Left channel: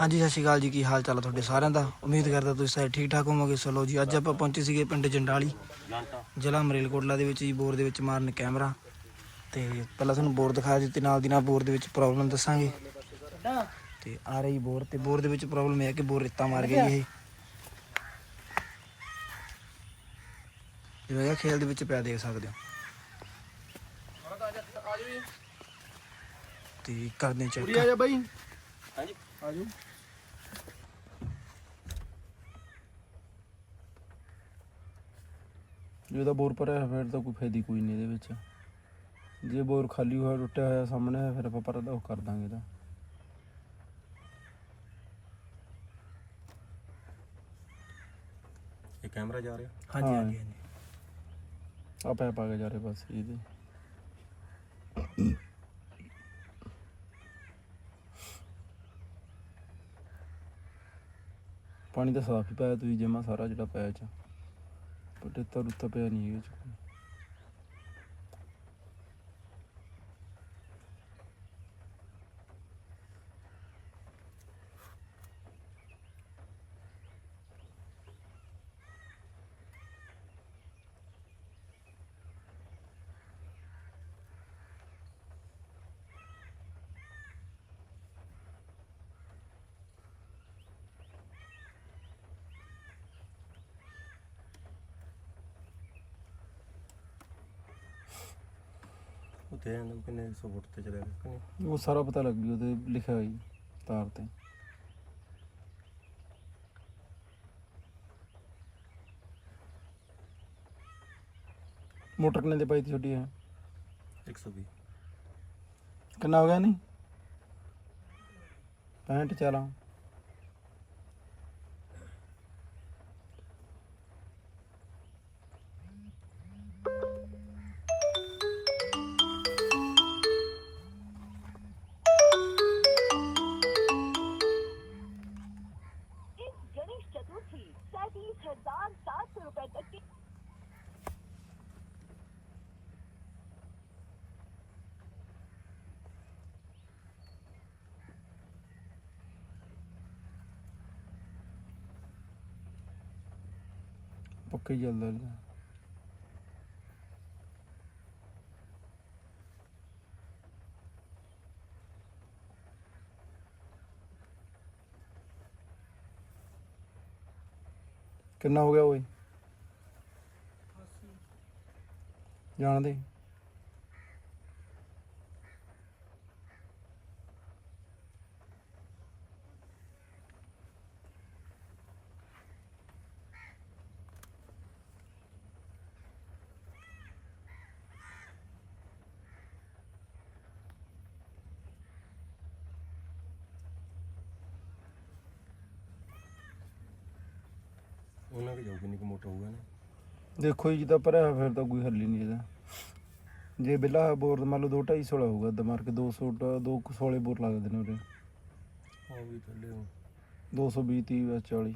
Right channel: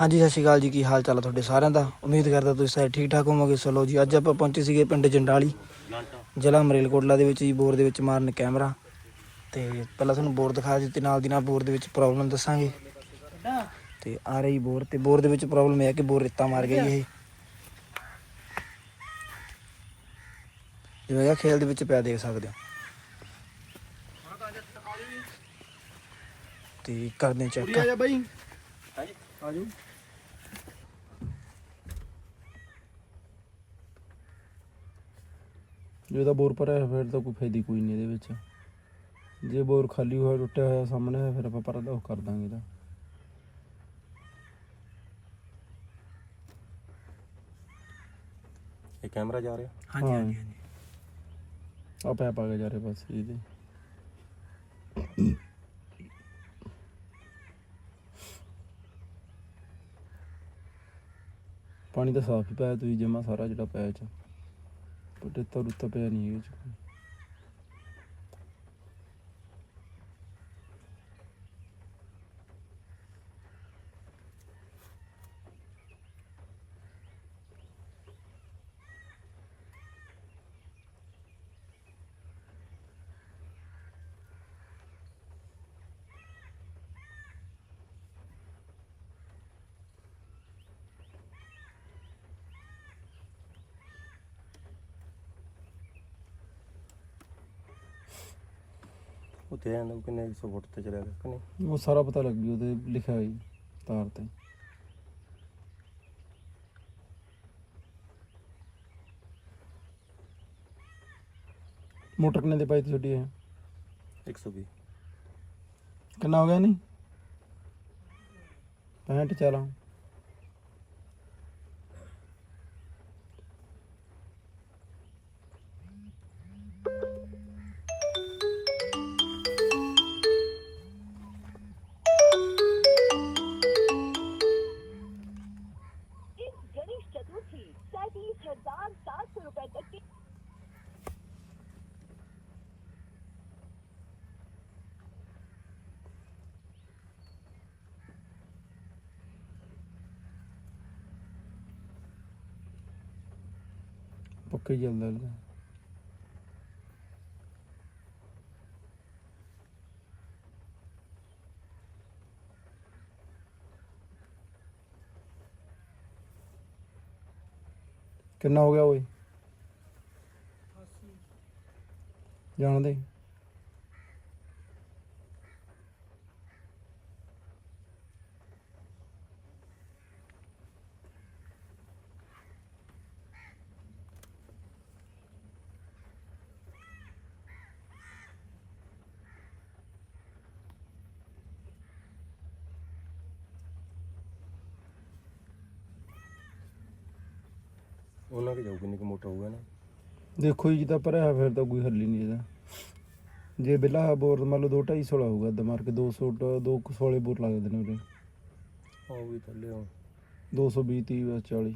ਹਾਂਜੀ, ਸਤਿ ਸ਼੍ਰੀ ਅਕਾਲ ਜੀ। ਕੀ ਹਾਲ ਚਾਲ ਆ ਤੁਹਾਡੇ ਸਾਰਿਆਂ ਦਾ? ਉਮੀਦ ਕਰਦਾ ਤੁਸੀਂ ਸਾਰੇ ਠੀਕ ਠਾਕ ਹੋਵੋਗੇ। ਚਲੋ ਜੀ, ਅੱਜ ਆਪਾਂ ਪਹੁੰਚੇ ਸੀਗੇ ਪਿੰਡ ਜੰਡਾਲੀ। ਜ਼ਿਲ੍ਹਾ ਮਰੇਲਕੋਟਲਾ ਦੇ ਵਿੱਚ ਜੀ, ਬੋਰ ਦੇ ਵਿੱਚ ਮਾਰਨ ਕੈਮਰਾ। ਤੇ ਪਹਿਲਾਂ ਤੁਹਾਨੂੰ ਬੋਰ ਦਿਖਾ ਦਿੱਤੀ ਨਾਲ ਦੀ ਨਾਲ ਬੋਰ ਦੇ ਵਿੱਚ ਪ੍ਰੋਬਲਮ ਦੱਸਾਂਗੇ। ਤੇ ਆ ਰਹੀ ਬੋਰ ਤੇ ਬੋਰ ਦੇ ਵਿੱਚ ਪ੍ਰੋਬਲਮ ਇਹ ਹੈ ਕਿ ਬੋਰ ਰੇਤਾ ਮਾਰ ਗਈ ਇਹ। ਜਿਵੇਂ ਆ ਖੇਲ ਦੇ ਵਿੱਚ ਪਿਆ ਦੇਖ ਸਕਦੇ ਹੋ। ਤੇ ਕਰਦੇ ਚੈੱਕ ਜਾ ਬਾਈ। ਆ ਜੀ ਜੇ ਤਾਂ ਬੋਰ ਭਰਿਆ ਹੋਇਆ ਫਿਰ ਤਾਂ ਕੋਈ ਫਾਇਦਾ ਕੋਈ ਨਹੀਂ ਇਹਦੇ ਵਿੱਚ। ਜੇ ਬੋਰ ਖਾਲੀ ਹੋਇਆ ਟੁੱਟਿਆ ਹੋਇਆ ਸਾਹਮਣੇ ਹੈ, ਫਿਰ ਆਪਾਂ ਪਰ ਉਹ ਕਰ ਦਾਂਗੇ ਇਹਦਾ ਇਹ ਕੈਮਰਾ ਜਾ ਰਿਹਾ? ਹਾਂਜੀ। ਹਾਂਜੀ ਹਾਂਜੀ। ਆ ਪੈਪ ਆ ਗਿਆ ਜਾ ਰਹੇ ਬਸ ਇਹਦੇ। ਪਾਣੀ ਤਾਂ ਸਾਫ਼ ਹੀ ਪਾਇਆ, ਤੁਸੀਂ ਜਮਾ ਸਾਰਾ ਜਿਹੜਾ ਪਾਇਆ ਚ। ਪਰ ਰੇਤਾ ਰੁੱਤਾ ਪਿਆ ਨਹੀਂ ਇਹ ਚ। ਤੇ ਆਂਦਾ ਕਿੰਨੇ 100 ਫੁੱਟ ਤੇ ਚਲਾ ਗਿਆ ਕਿ ਨਹੀਂ? ਉਹ ਸਾਰਾ ਪਤਾ ਲੱਗ ਗਿਆ ਉਹਦੇ ਲਿਖਿਆ ਹੋਇਆ ਜੀ ਤਾਰ ਤੇ। ਮੋਟਰ ਕਿੰਨੇ ਦੇ ਪਾਈ ਤੀ ਛੋਟੀ ਹੈ 120 ਕਿੰਨਾ ਹੋ ਗਿਆ ਨਹੀਂ? 65 ਚਲਾ। Porque ya es larga. ¿Qué no hago hoy? ਜਾਣਦੇ। ਉਹਨਾਂ ਕੇ ਜਾਊ ਕਿੰਨੀ ਕੁ ਮੋਟਾ ਹੋਊਗਾ ਨਾ। ਦੇਖੋ ਜੀ ਜਿੱਦਾਂ ਭਰਿਆ ਫਿਰ ਤਾਂ ਕੋਈ ਹੱਲ ਹੀ ਨਹੀਂ ਇਹਦਾ। ਜੇ ਬਿੱਲਾ ਬੋਰ ਮੰਨ ਲਓ 2 250 ਸੋਲਾ ਹੋਊਗਾ ਅੱਧਾ ਮਾਰ ਕੇ 200 ਟ- ਦੋ ਕੁ ਸੋਲੇ ਬੋਰ ਲੱਗਦੇ ਨੇ ਉਹਦੇ। ਉਹ ਵੀ ਥੱਲੇ ਆ 220 30 ਜਾਂ 40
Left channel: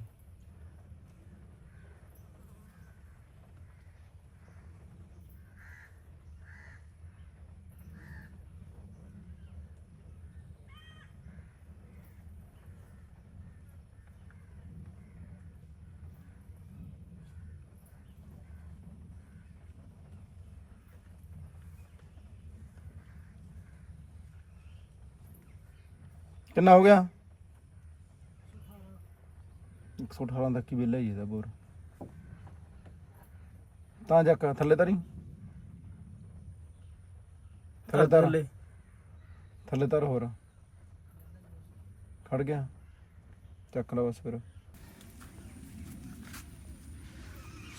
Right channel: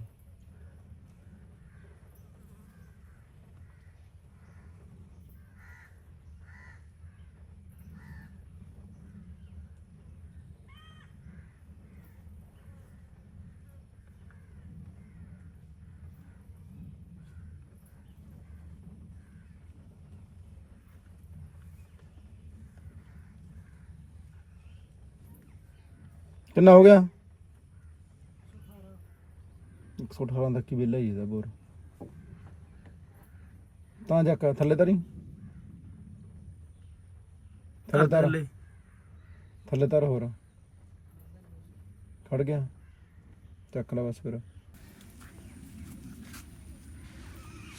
ਕਿੰਨਾ ਹੋ ਗਿਆ? 118 ਤੱਕ ਹੀ ਬਿੱਲ ਹੀ ਇਹਦਾ ਬੋਰ। ਤਾਂ ਜਾ ਕੇ ਥੱਲੇ ਤਰੀ। ਥੱਲੇ ਤਰ। ਥੱਲੇ ਥੱਲੇ ਤਰ ਹੋਰ। ਖੜ ਗਿਆ। ਚੱਕ ਲਾ ਬਸ ਫਿਰ।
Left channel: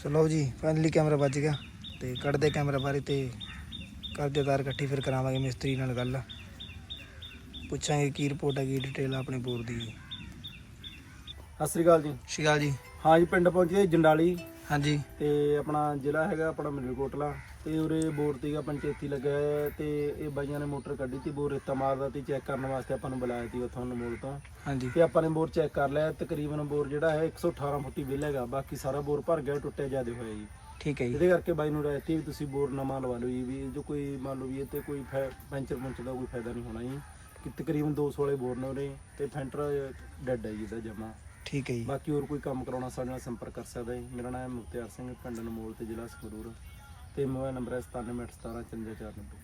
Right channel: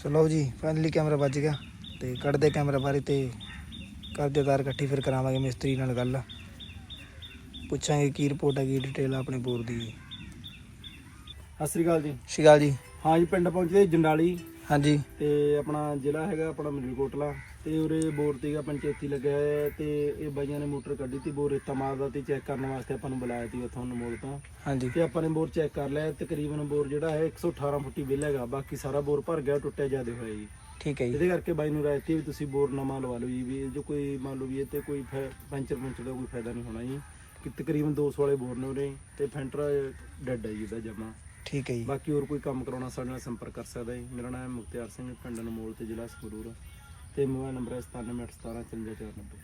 ਚਲੋ ਜੀ ਫਾਈਨਲੀ ਕੈਮਰਾ ਵੱਜ ਗਿਆ ਤੇ ਕੱਢਦੇ ਕੈਮਰਾ ਬਾਰੇ ਤੇ ਕਰਦੇ ਤਾਰ ਇਕੱਠੀ ਫਿਰ ਕਰਾਵਾਂਗੇ ਮਿਸਤਰੀ ਨਾਲ ਗੱਲ। ਪੁੱਛਾਂਗੇ ਕੀ ਰਿਪੋਰਟ ਹੈ ਕੀ ਡਿਟੇਲ ਆਪਣੇ ਬੋਰ ਦੀ। ਸਤਿ ਸ੍ਰੀ ਅਕਾਲ ਜੀ। ਸ਼ਿਕਾਲ ਜੀ। ਹਾਂ ਜੀ ਪਿੰਡ ਪਹੁੰਚੇ ਜੰਡਾਲੀ। ਹਾਂਜੀ। ਤੇ ਆਪਣਾ ਜ਼ਿਲ੍ਹਾ ਹੈਗਾ ਆਪਣਾ ਮਲੇਰਕੋਟਲਾ ਤੇ ਉਰੇ ਬੋਰ ਤੇਗਾ ਪੰਚਾਇਤੀ ਲੱਗਿਆ ਹੋਇਆ ਹੈ ਤੇ ਇਹ ਬਾਈਆਂ ਨੇ ਮੋਟਰ ਕੱਢੀ ਤੀ ਬੋਰ ਰੇਤਾ ਮਾਰਦਾ ਤੇ ਚੈੱਕ ਕਰਨ ਵਾਸਤੇ ਆਪਾਂ ਨੂੰ ਬੁਲਾਇਆ ਤੀ ਉੱਥੋਂ ਨਮੋਲ ਤੋਂ। ਹਾਂਜੀ। ਤੇ ਆਪਾਂ ਨੇ ਬੋਰ ਚੈੱਕ ਕਰ ਲਿਆ ਤਕਰੀਬਨ ਬੋਰ ਜਿਹੜਾ ਹੈ 118 ਫੁੱਟੀ ਬਿੱਲ ਹੈਗਾ ਬਾਕੀ ਸਾਰਾ ਬੋਰ ਭਰ ਗਿਆ ਟੁੱਟਿਆ ਜਿਆਦੇ ਹੋਇਆ ਜੀ। ਠੀਕ ਹੈ ਜੀ। ਇਹਦੇ ਕਰਕੇ ਬਾਈ ਨੂੰ ਰਾਇਤੀ ਵੀ ਤੁਸੀਂ ਬੋਰ ਨਵਾਂ ਲਵਾ ਲਓ ਜੀ ਵੀ ਜੋ ਕੋਈ ਮੰਨ ਲਓ ਵੀ ਇਹ ਤੇ ਕੋਈ ਫੈ- ਪੈਂਚਰ ਪੁੰਚਰ ਦਾ ਕੋਈ ਫਾਇਦਾ ਨਹੀਂ ਹੋਣਾ ਜੀ। ਕਿ ਤਕਰੀਬਨ 200 ਵਾਲੇ ਬੋਰ ਨੇ ਉਰੇ ਤੇ ਫੈਂਟਰ ਡੈਡ ਹੈ ਜੀ ਇਹਦਾ ਜਮਾ। ਠੀਕ ਹੈ ਜੀ। ਬਾਕੀ ਹੋਰ ਕੋਈ ਕੰਮ ਕਰਾਉਣਾ ਸਾਡੇ ਨਾਲ ਸੰਪਰਕ ਕਰ ਸਕਦਾ ਹੈ ਮੇਰਾ ਨਾਮ ਹੈ ਮੁਖਤਿਆਰ ਸਿੰਘ ਪਿੰਡ ਨਮੋਲ ਤੇ ਜ਼ਿਲ੍ਹਾ ਸੰਗਰੂਰ। ਤੇ ਮੋਬਾਈਲ ਨੰਬਰ ਹੈ 9781175490